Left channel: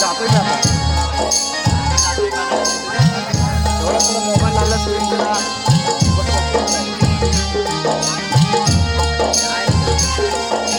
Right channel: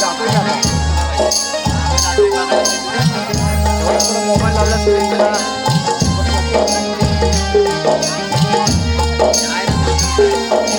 जातोय मी आता एवढा थोडा मोबाईल लावला स्क्रीनला हॅलो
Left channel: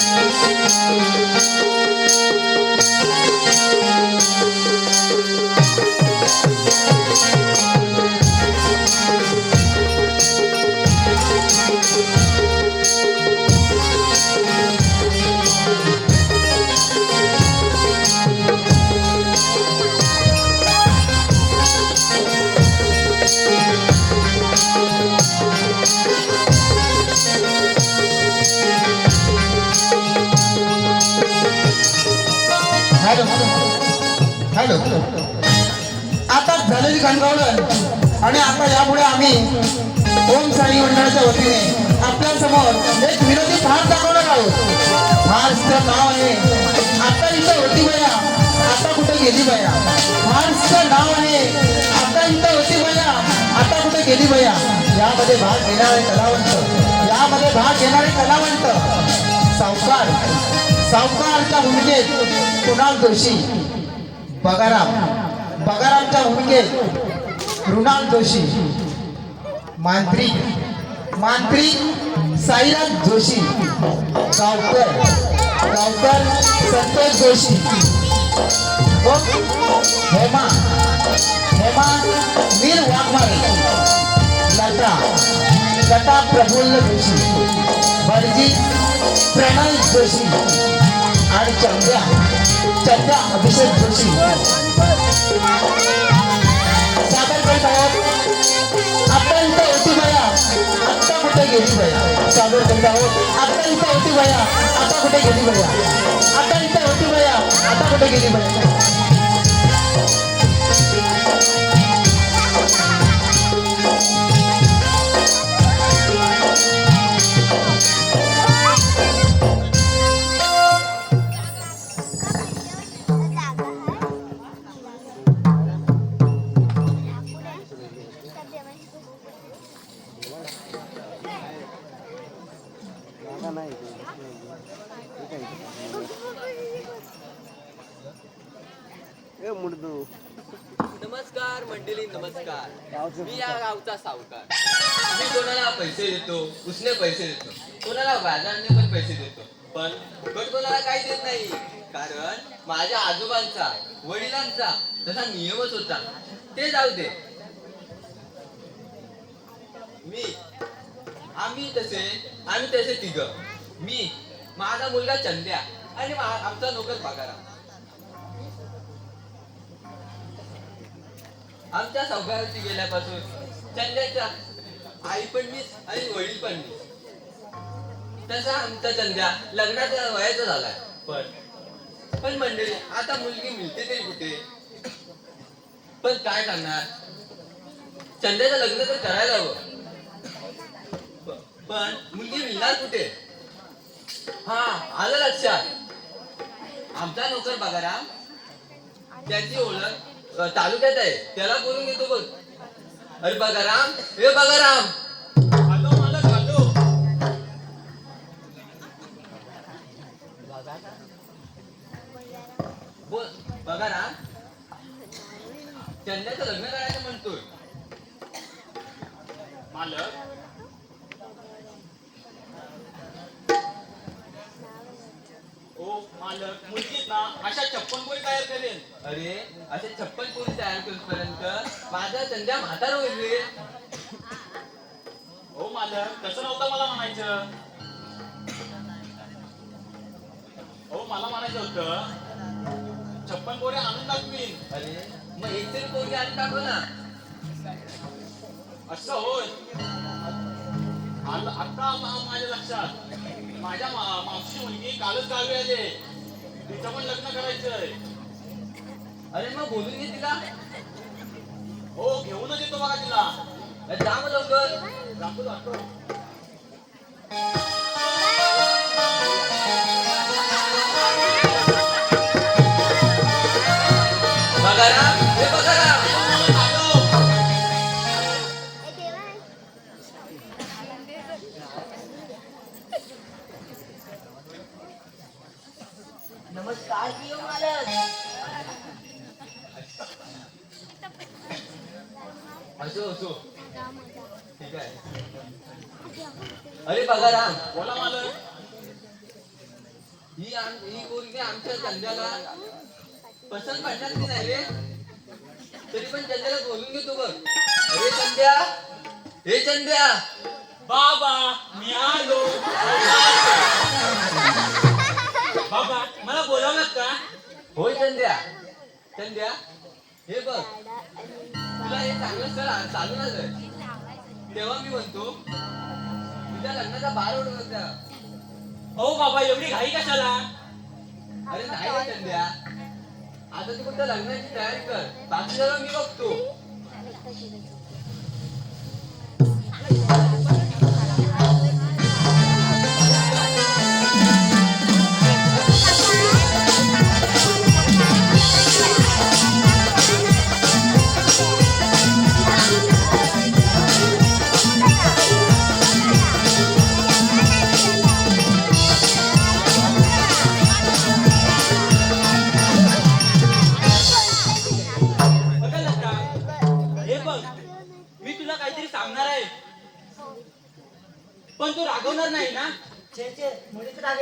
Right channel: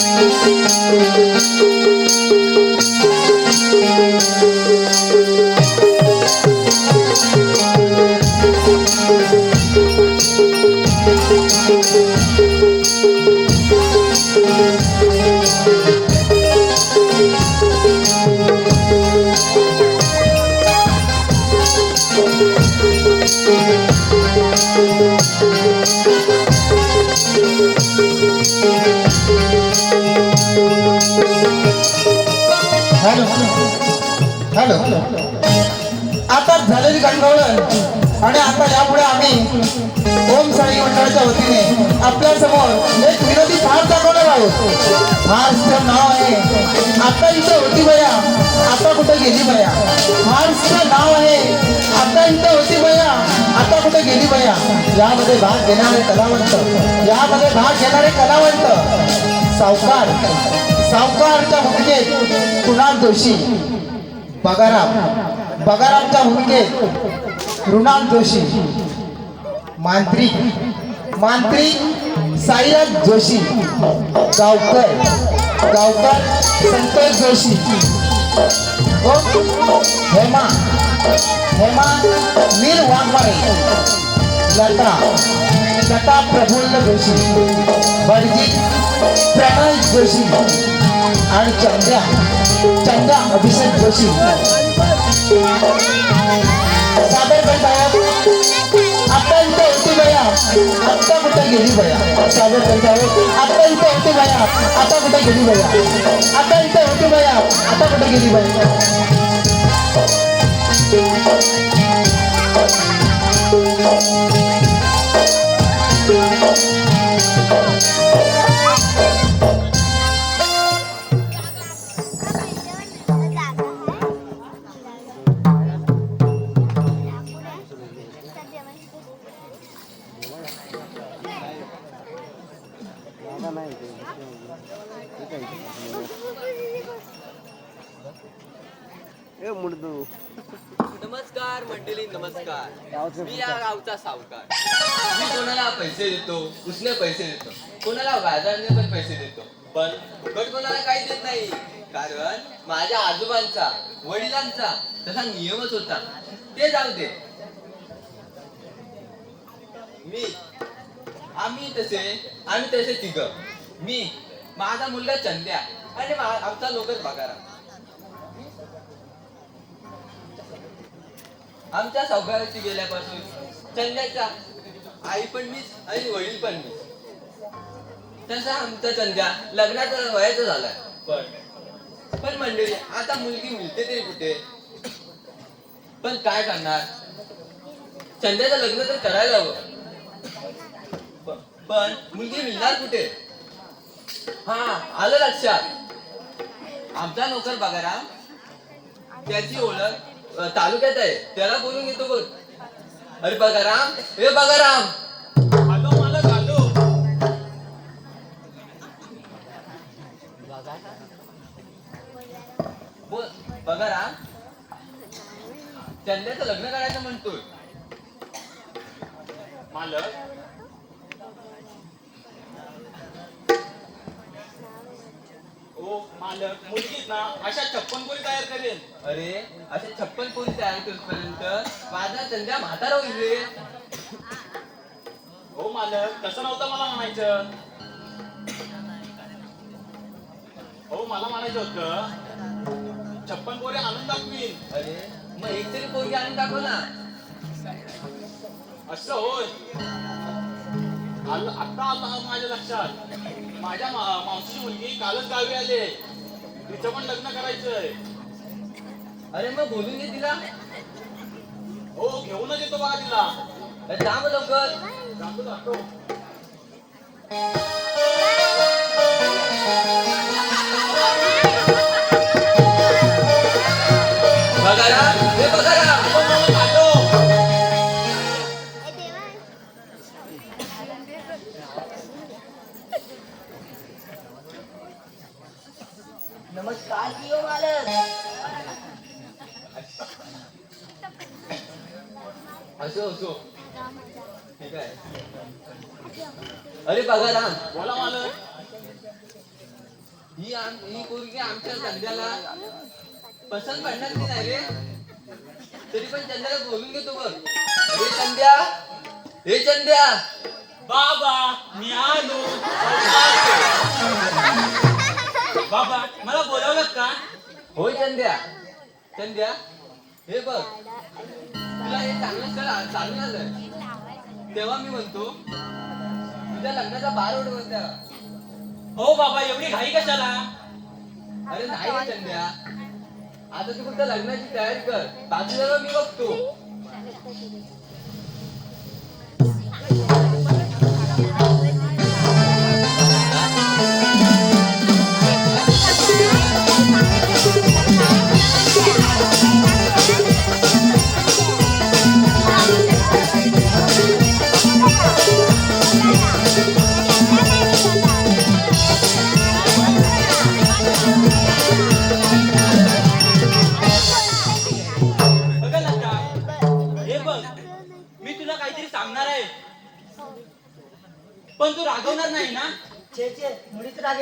Música यामध्ये भाग घेणारे कलावंत. यामध्ये भाग घेणारे कलावंत. सावकार. सावकारच्या भूमिकेत कुणाल जोशी. बगाराम. बगारामच्या भूमिकेत मृणाल जोशी. मांत्रिक मांत्रिक साईराज जोशी. गावकर. गावकर संतोष जोशी. हेमा. हेमा. मीर वाघमारे. लता लता प्रफुल्ल जोशी बडजी प्रणय जोशी आणि चंद्या चंद्या अभिषेक जोशी. सादर करीत आहोत आपण इथे होती बया आता कुठे गेली बया? सादर करीत आहोत आता इथे होती बया आता कुठे गेली बया? आता इथे होती बया आता कुठे गेली बया? मी या गावचा सावकार. मी कोणाला पैसे देतो उसने पैसे देतो कोणाला व्याजाने पण पैसे देतो पण फुकट कोणाला काही देत नाही. कारण माझ्या आजोबांचा वडिलांचा तसा नियमच होता. ते जाऊ दे. मी आम्ही तसे आम्ही तसे तिघ. मी माझा मुलगा चंद्या आणि आमचा नोकर पगारा आमच्या सावकाराची गेल्यापासून चंद्याच्या आई पण मीच आणि वडील पण मीच. तसा आमचा चंद्या लग्नाचा वयाचा झालाय. पण. पण मंडळी आता मुलगी मिळते तरी कुठे? पण काय करणार? चंद्याचं लग्न तर करायला हवं. पण मुलगी मिळणार कुठे? हा आलं लक्षात. आमचा नोकर बघाराम त्याची ओळख तालुक्यात आहे. त्याला बोलून घेतो बघ. अरे बघाराम हे बघाराम आलो मला आलो बोल बघाराम चंद्याचं लग्न करायचं म्हणतोय. मालक. ओ मालक मुलगीत ना अशा छप्पन पोरी तयार करेल अरे असे छप्पन पोरी तयार करूपर्यंत माझा चंद्या म्हातारा होईल रे. हो मालक तसं नव्हतं मला म्हणायचं. हो मला म्हणायचं होतं छप्पन पोरी आणून दाखवीन. अरे मग एक तरी पोरगी आणून टाकू ना. असं होय. आलं आता आलं हा माझ्या लक्षात. माझ्या मा- मावशीची मुलगी कालच गावी आले. तिचं पण लग्न करायचंय. अरे मग बोलून घे तिला. हो घेऊनच येतो बघा तिला. अरे जा मग लवकर. जातो जातो. कशाला? अरे नाही रे चंद्या आता तू फक्त लग्नाची तयारी कर. बाकी सगळं मी बघतो.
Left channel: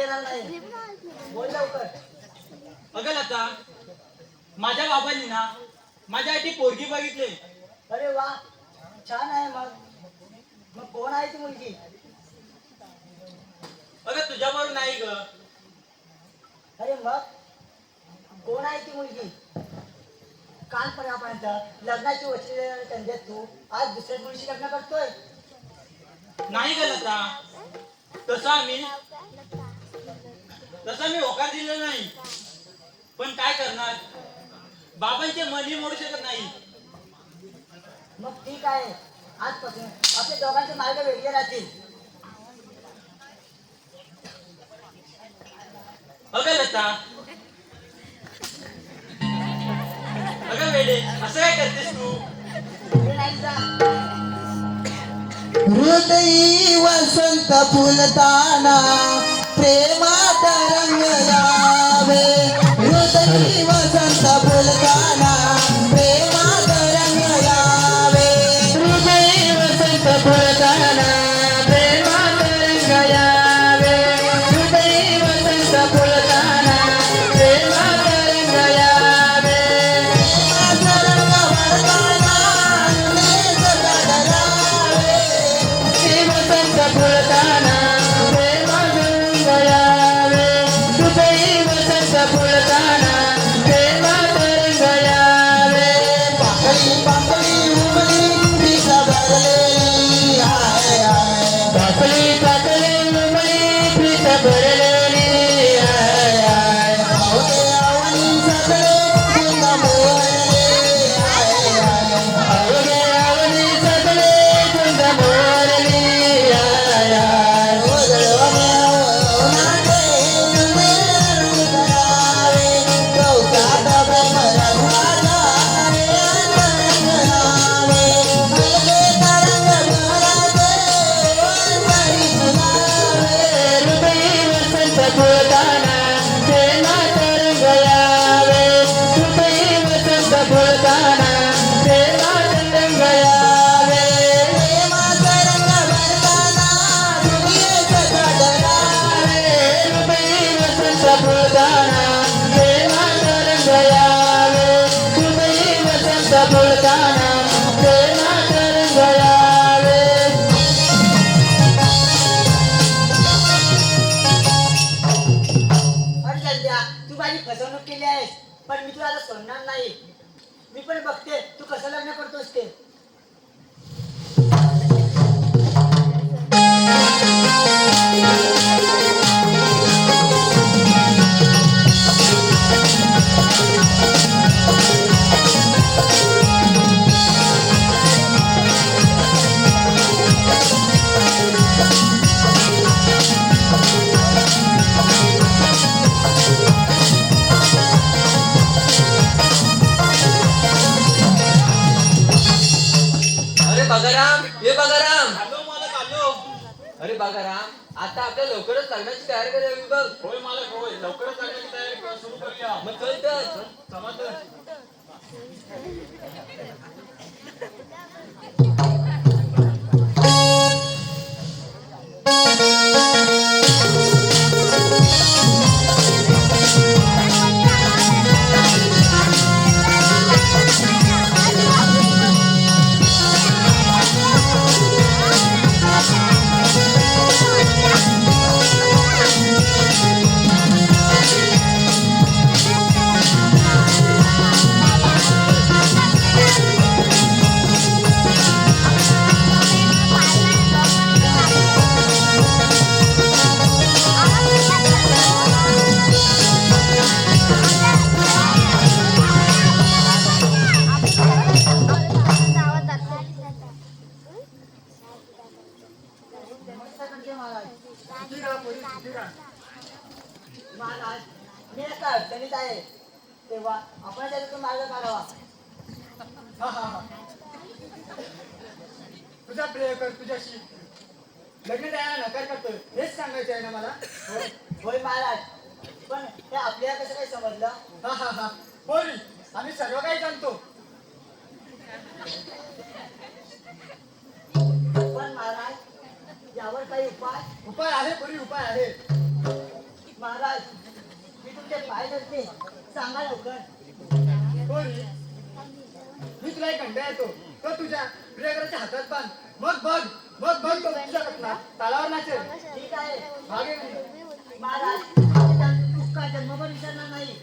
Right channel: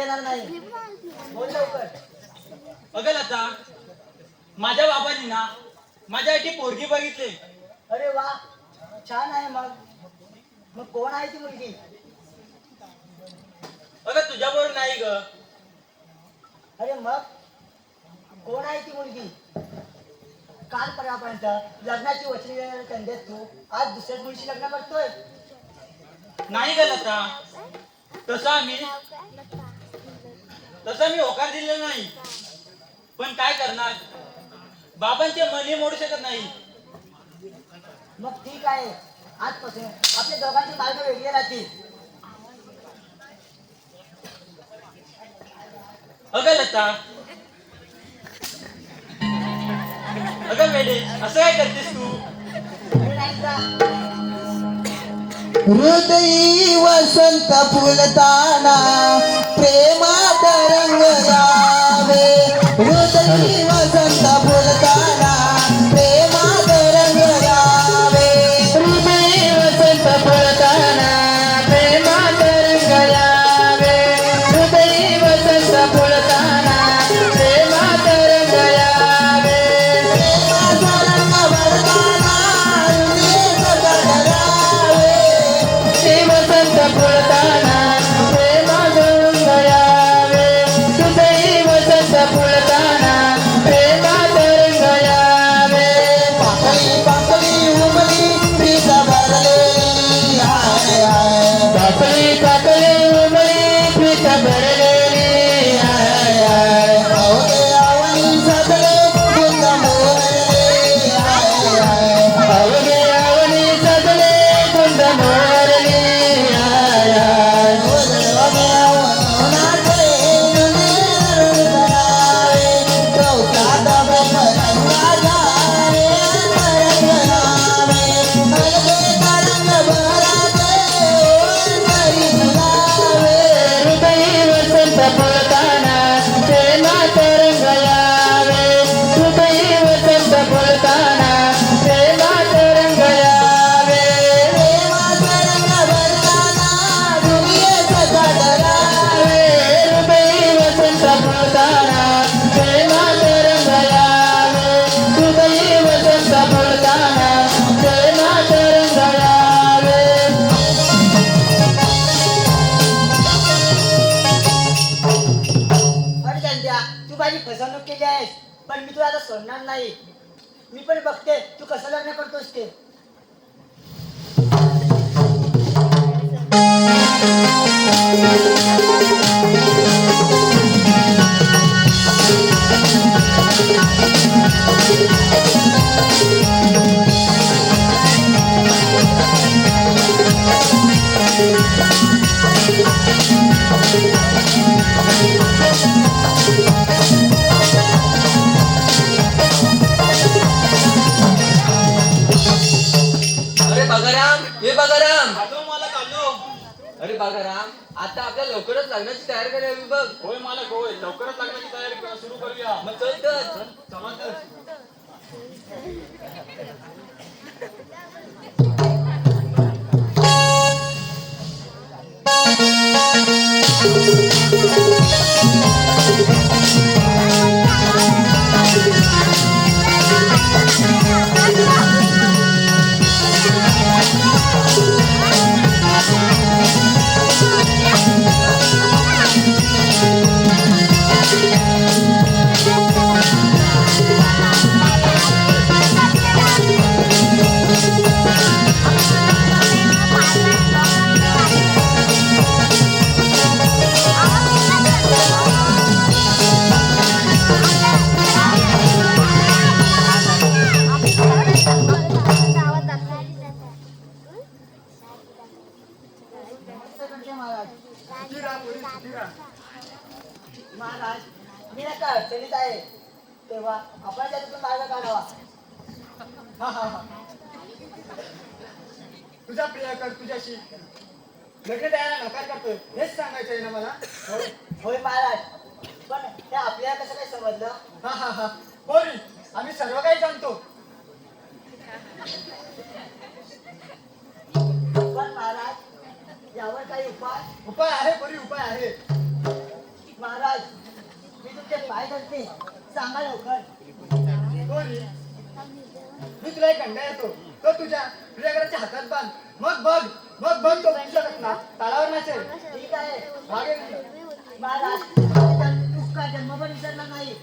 नाही. बोल लवकर. बघा लता माझ्या बाबांनी ना माझ्यासाठी पोरगी बघितली. अरे वा छान आहे मग. मग कोण आहे ती मुलगी? बघा तुझ्याबरोबर नाही ग. अरे मग कोण आहे ती मुलगी? काल पर्यंत लग्नाची वचने कंद्यात तू. आज दुसऱ्या मुलीशी लग्न करतोय. नाही ग लता. तसा मी तसा मी होकार दिलेला नाही. पण काय करणार? बाबांचे मनी मोडू शकत नाही. मग ठीक आहे. आजपासून आपल्या दोघांचे मार्ग वेगळे राहतील. अगं लता. अगं वेडे असं काय करतेस तू? हृदयी वसंत फुलताना प्रेमात Baby. आपल्याला कसं काही समजलं? हा हा हा. बोल आम्ही सर्व काही जाणतो पण महाराज यावर काही उपाय? उपाय आहे परी उपाय आहे. महाराज मी तुमचे पाय धरते. सांगा लवकर. बोल. मी तुला एक अंडा येतो तो तुझ्या प्रियकराच्या हातात बांध. मग बघ मग बघ तो तुझ्या ना तालावर नाचेल. ठीक आहे. मागे. महाराज तुका जन्मभर विसरणार नाही?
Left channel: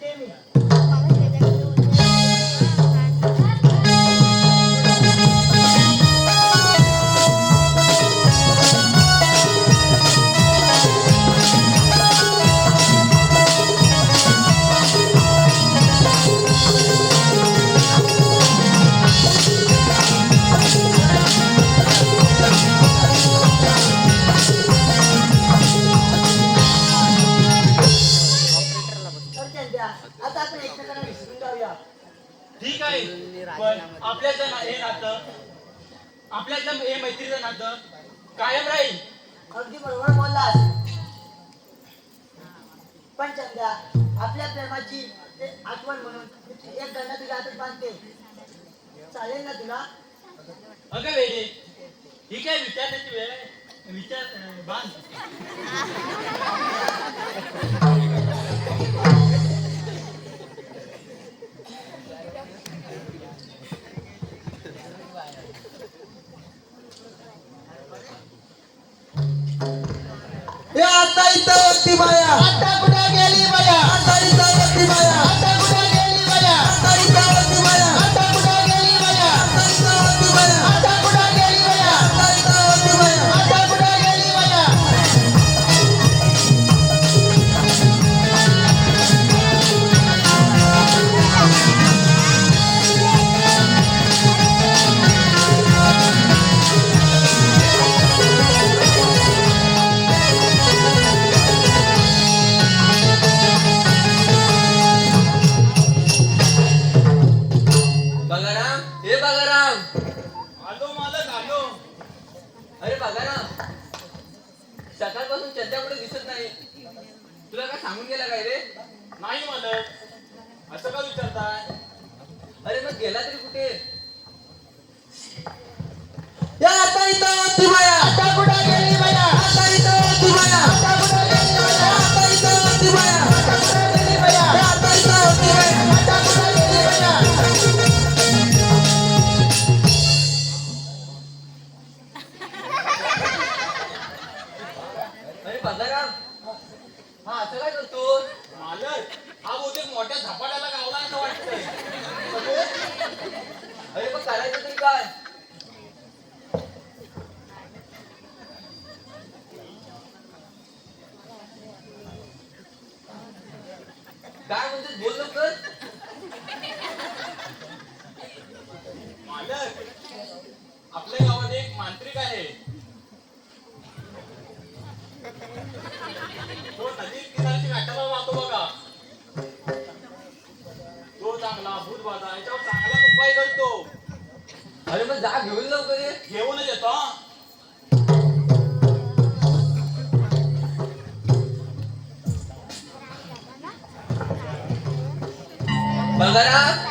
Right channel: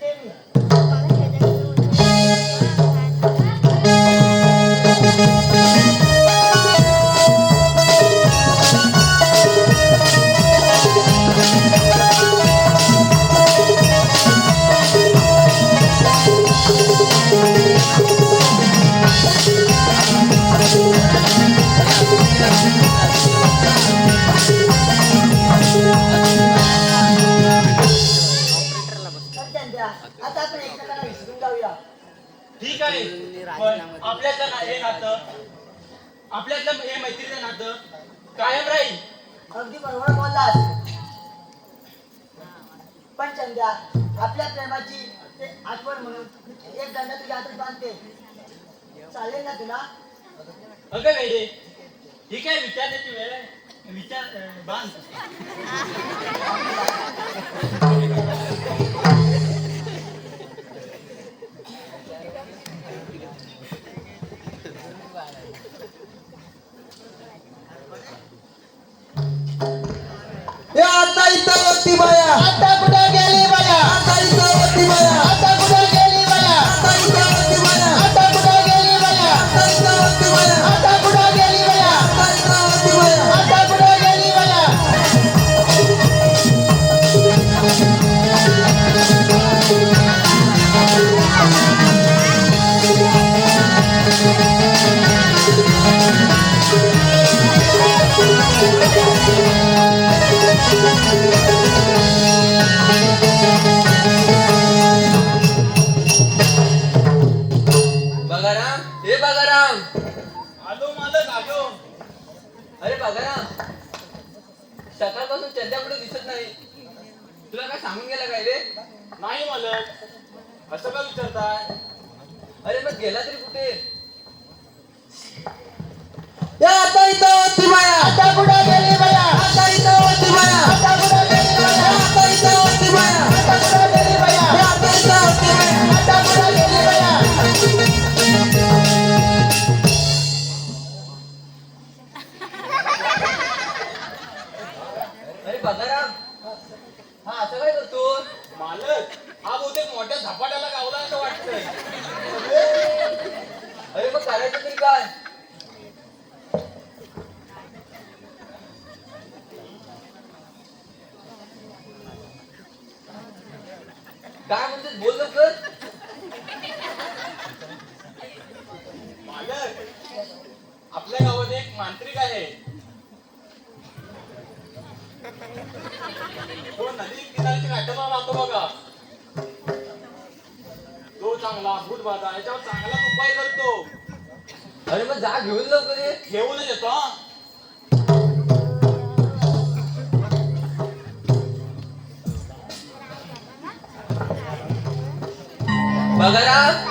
ते मी. आहे पण आपल्याचं ना हे नातं आपल्यातलं हे मैत्रीचं नातं कायम राहील. अगदी बरोबर बोललास. पण चंद्या आपल्या प्रेमाची एक आठवण म्हणून एक दंड तुझ्या हातात बांधते. चालेल ना तुला? अगं वेडे ही काय विचारण्याची वेळ आहे? विचार बांध. आता इथं होती बाया. आता कुठं गेली?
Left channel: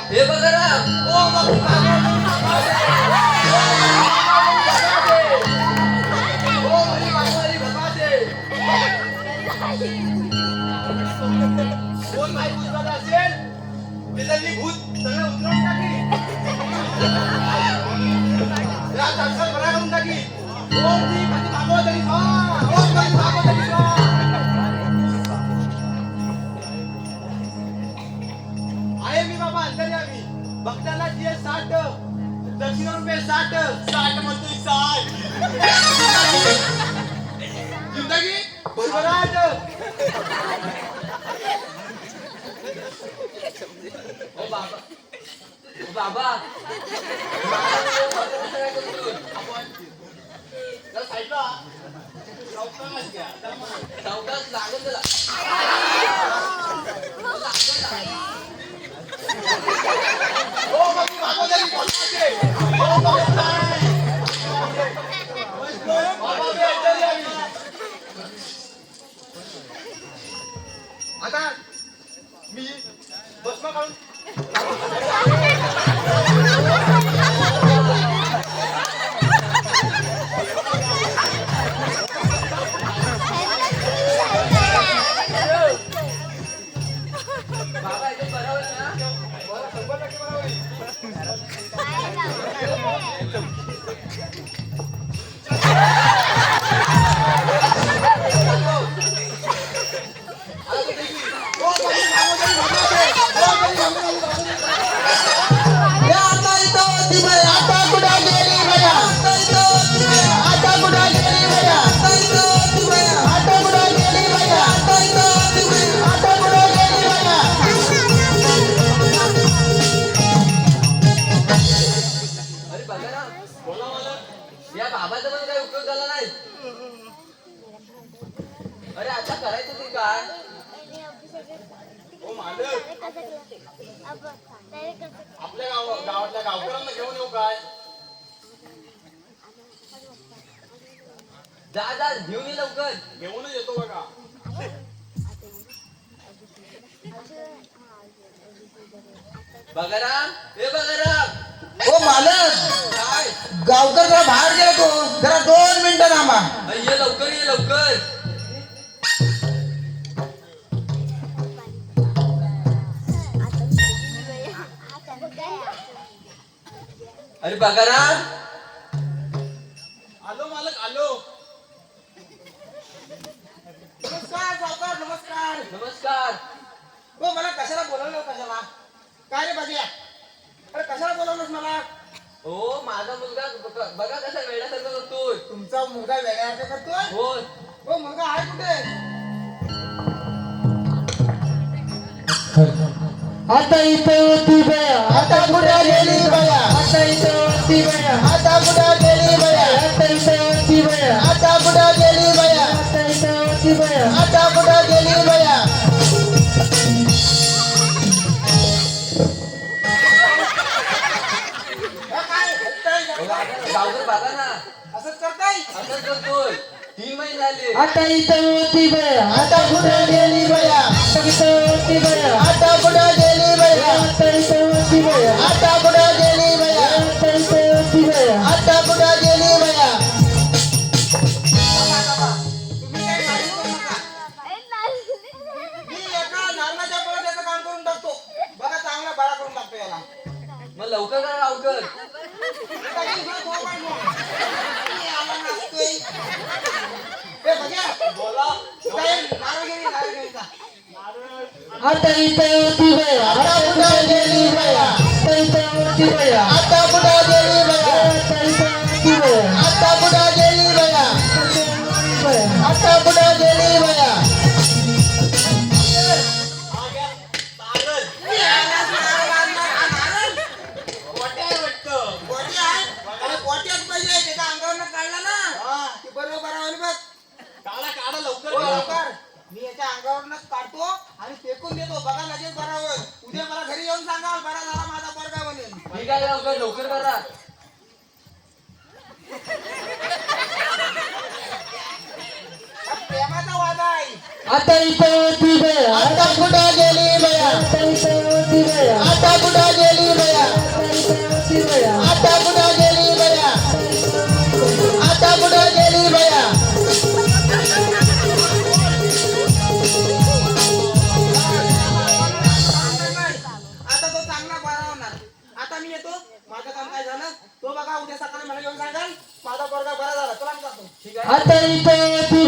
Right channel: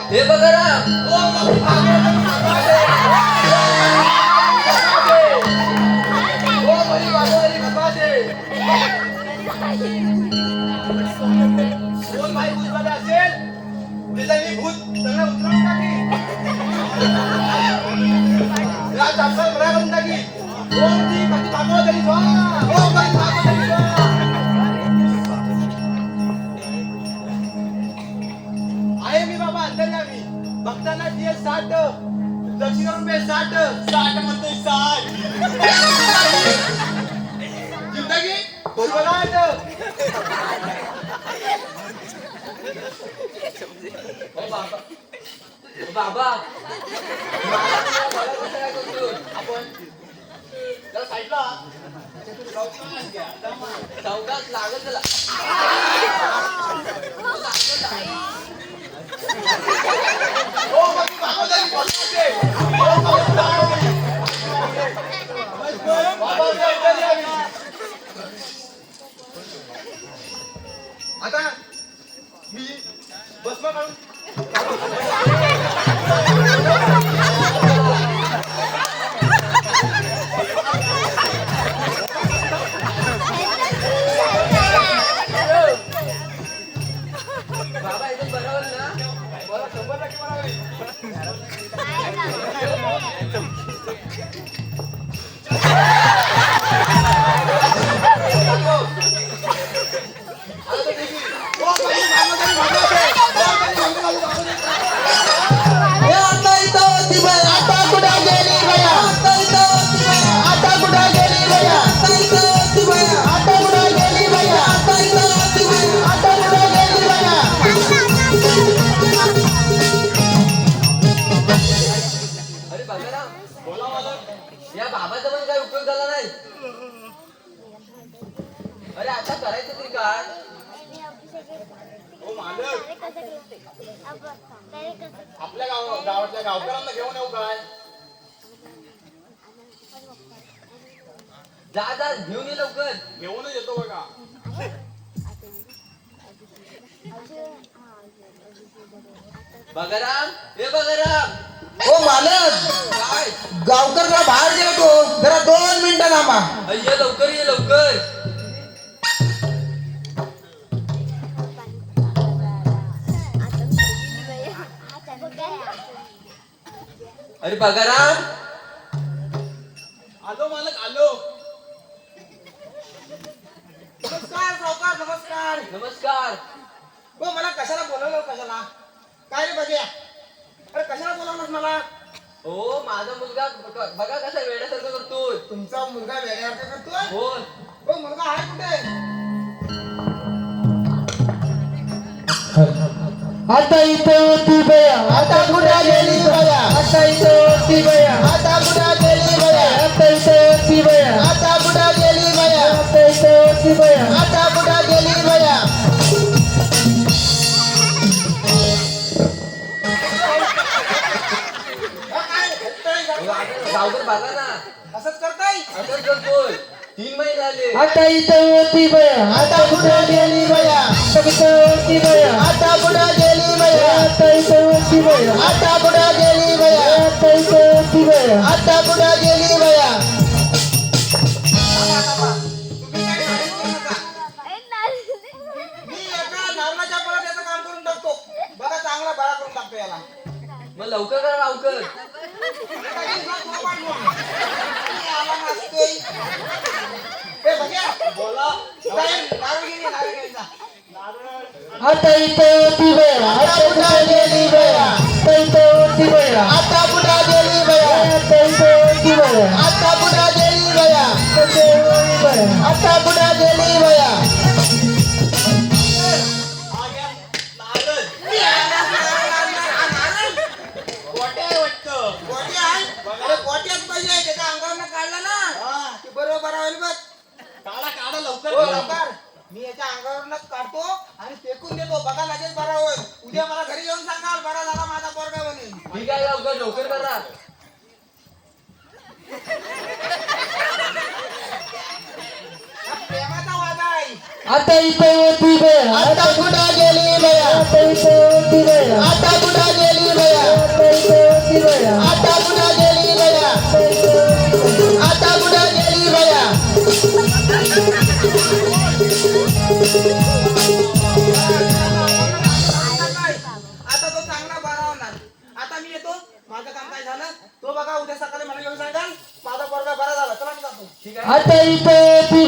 Iba ka na! Oh, magpapagal! bagaran आता इथं होती बया आता कुठे गेली बया. आता इथं होती बया आता ಅಟೈತೆ ಓದಿವೆ ಅಟೈತೆ ಓದಿವೆ ಅಟೈತೆ ಓದಿವೆ लवकर हो, लवकर. मी याच्या अंगावरूनच काढतो आणि फेकून देतो. बघा लगेच बरा होईल. उद्या मला घरी येऊन सांगाल बरा झाला माझा पोरगा म्हणून. ठीक आहे लवकर लवकर करा हा प्रेमाचा वादा आहे. आता इथे होती बया आता कुठं गेली बया आता इथे होती बया आता कुठं गेली बया आता इथे होती बया तो उद्या सकाळी मला घेऊन सांगाल. माझा पोरगा बरा झाला. चला मी जातो. आता इथे होती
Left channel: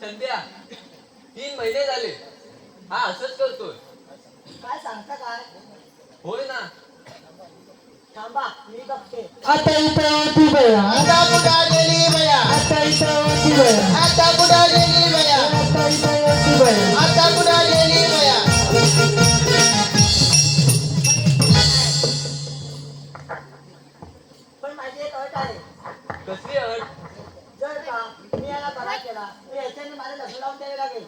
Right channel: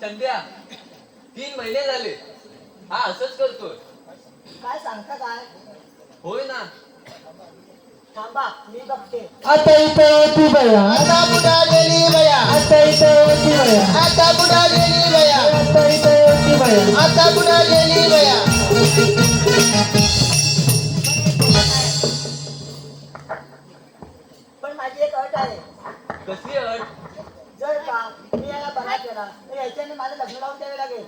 संध्या तीन महिने झाले. हा असंच करतोय. काय सांगता काय? होय ना. थांबा मी बघते. आता इथे होती बया. आता गेली बया? आता इथे होती बया. आता कुठं गेली बया? आता इथे होती बया. आता कुठं गेली बया? पण माझी एक अट आहे. कसली अट? जर का मी याला बरा केला तर याच्याने माझं लग्न लावून द्यावे लागेल.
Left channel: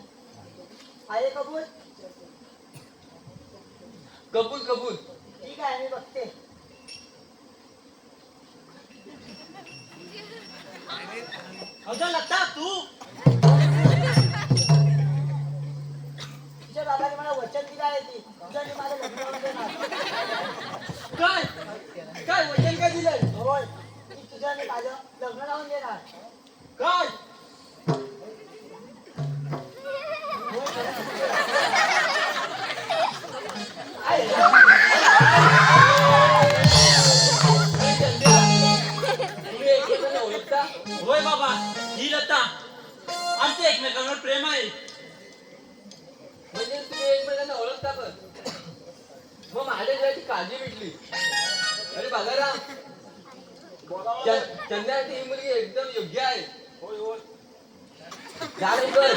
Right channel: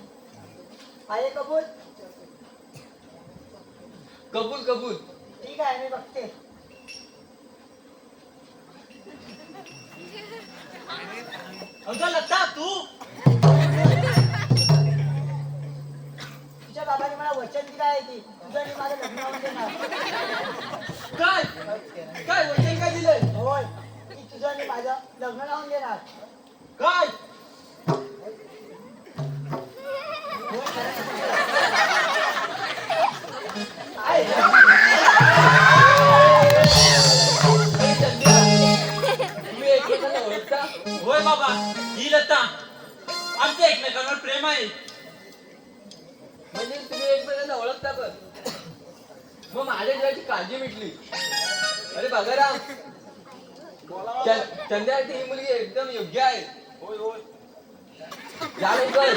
आहे कबूल? कबूल कबूल. ठीक आहे मी बघते. अगं लता तू? तुझ्या बाबाने मला वचन दिलं आहे की तुझं मी माझं लग्न लावून देणार काय? काय वचन काय दिलंय? होय की तुझं मी माझं लग्न लावून देणार. काय? होय एकमेकांना होय बाबा ही लता. आमचं एकमेकांवर प्रेम आहे. म्हणजे तुम्ही एकमेकांना ओळखता पण. मग माझ्या घराची काळजी मिटली. अरे बघाराम च- चंद्रासाठी ही मुलगी एकदम योग्य आहे. होय होय. जा लवकर.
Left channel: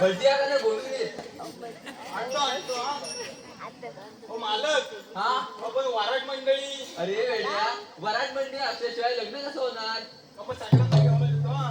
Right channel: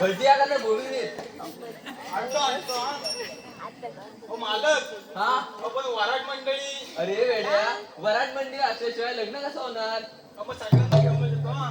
भरती आला बोलून ये आणतो आणतो हा. हो मालक. हा? आपण वाराट मंडळी. अरे वेड्या वराट मंदिर असल्याशिवाय लग्न कसं होणार? आपण सगळ्यांना घेऊन येतो हा.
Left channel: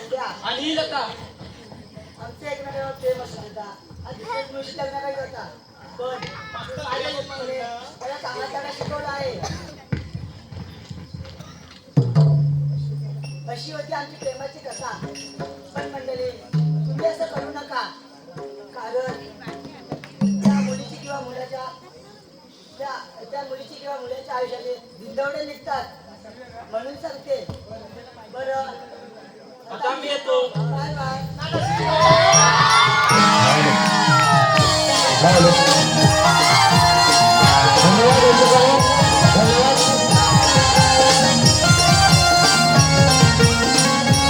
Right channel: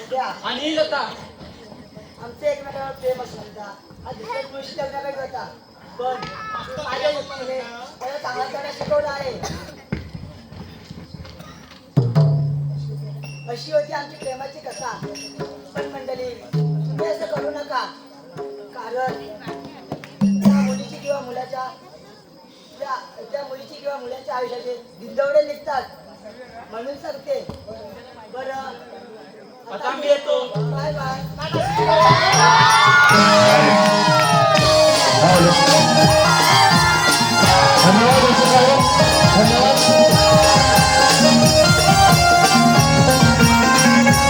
संध्या आणि ही लता. आमचे एकमेकांवर प्रेम श्रद्धा हा दुसऱ्या दिवशी लग्न काही होता पण माझ्या युक्तीने त्याला चांगला त्यांना शिकवलं आहे. अशी होती आमची प्रेमाची कथा. पण मंडळी तुम्ही असं करू नका. कारण त्या मुलीची किंवा मुलाच्या त्या त्या मुलीची किंवा मुलाच्या आयुष्याचे दिंदवडे निघतात. म्हणून सांगते. बरं Macam dia tu. Bye bye. bye bye